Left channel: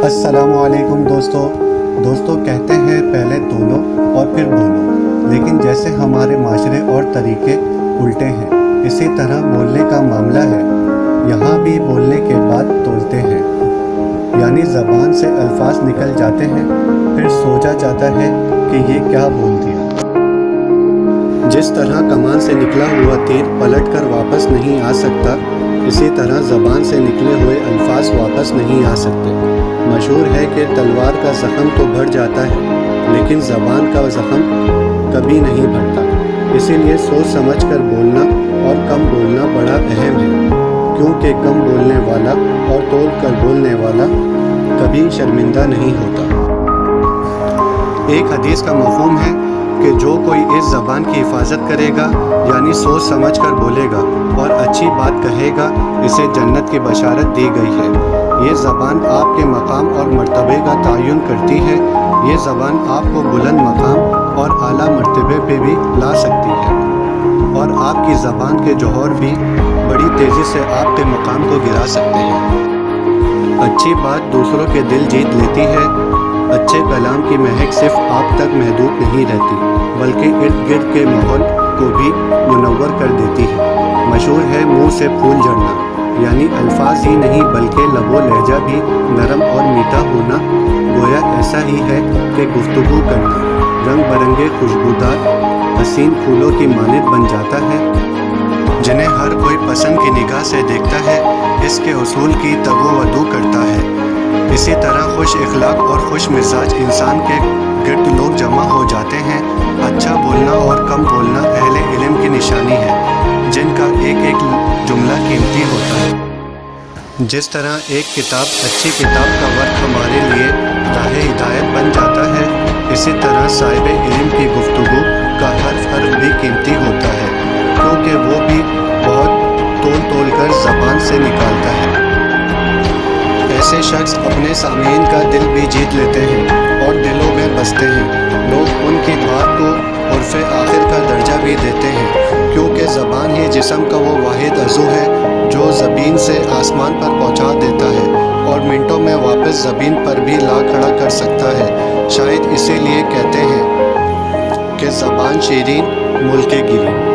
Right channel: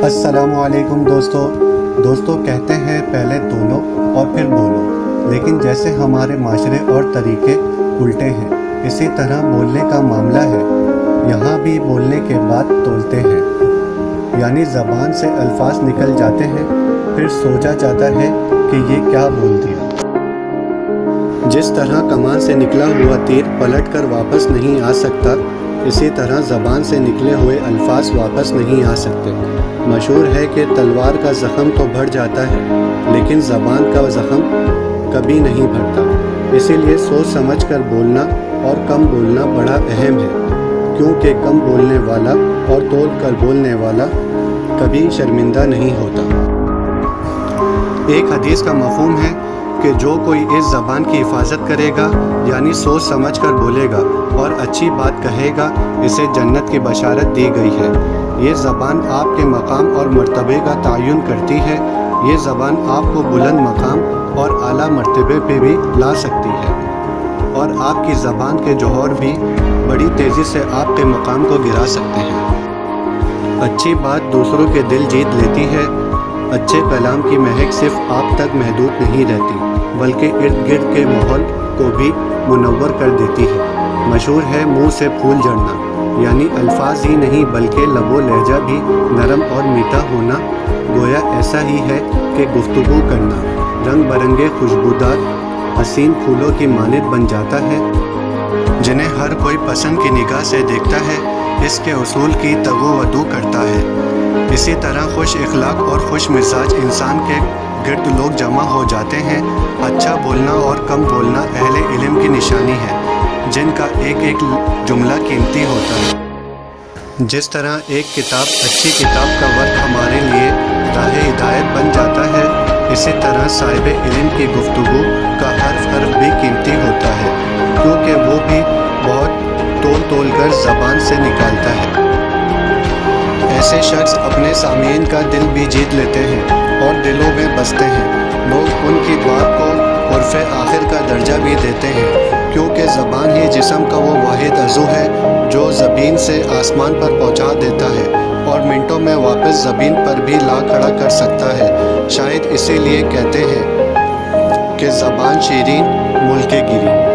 अस्सलामु अलैकुम दोस्तों कहते हैं पहले तोलो और फिर बोलो, लेकिन जैसे हमारे माशरे और तरीके उल्टे हैं, इसी तरह बोलने का मामला है। यहाँ भी बोलने के बाद तोलते हैं, यानी ज़बान से अल्फाज निकल जाते हैं, फिर सोचा जाता है कि ये क्या बोल दिया। जिस तरह कमान से निकला हुआ तीर पलट कर वापस नहीं आ सकता, इसी तरह ज़बान से निकले हुए अल्फाज वापस नहीं आ सकते। मशहूर है कि तलवार का ज़ख़म तो बढ़ जाता है, लेकिन ज़बान का ज़ख़म कभी नहीं बढ़ता। इसीलिए सोच समझ कर बोलना और कम बोलना बड़ा अहम है, क्योंकि कम बोलने वाला और तोल कर बोलने वाला कभी शर्मिंदा नहीं होता। एक हदीस का मफ़हूम है कि जो कोई इस ज़बान की हिफाजत करेगा, यानी सोच समझ कर बोलेगा और अच्छी बात कहेगा, इसे जन्नत की बशारत दी गई है। ये ज़बान आपके मकाम और मर्तबे का तयन करती है। ये ज़बान आपको बुलंद मकाम और आला मर्तबे पे भी ला सकती है, और आपकी ज़बान के जौहर भी बड़ी तेज़ी से आपके मकाम को गिरा सकते हैं। अच्छी बात दूसरों के दिल जीत लेती है। अच्छे कलाम की महक सिर्फ आप तक महदूद नहीं रहती, बल्कि इर्द गिर्द के माहौल को भी मुनव्वर कर देती है। मशहूर है मुंह से फूल झड़ना, यानी अल्फाज ही नहीं बल्कि लबो लहजा भी नरम और मीठा होना गोया ऐसा ही है कि गुफ्तगू करना रंग बरंगे खुशबूदार हसीन फूलों की मानित बन जाता है, जिन्हें हर कोई पसंद की निगाह से देखता है। इसके उसूल की तगो-वदू करता है। इसी तरह खुश इखलाक और खुश मिजाज इंसान के गिर्द लोग जमा हो जाते हैं। अच्छा बोलना और कम बोलना अहले इल्म की निशानी है, जिनका एक एक जुमला कीमती होता है। जिस तरह एक किताब अच्छी किताब का वर्क हमारे लिए राह हिदायत बन जाता है, इसी तरह साहिब इल्म की गुफ्तगू का हर्फ भी कीमती होता है, क्योंकि वो भी बहुत तोल कर ज़बान से निकालता है। ऐसे शख्स अपने सामीन का दिल भी जीत लेते हैं और दिलों में बसते हैं। लोग उनकी बात को उर्फ़े आखिर का दर्जा भी देते हैं, क्योंकि ज़बान ही जिस्म का वो वाहिद अज़ू है जो ज़मीन से आसमान पर पहुंचा देता है और मिनटों में वापस ज़मीन पर भी ला खड़ा कर सकता है। शायद इसीलिए कहते हैं कि ज़बान शीरीन मुल्के गिरी।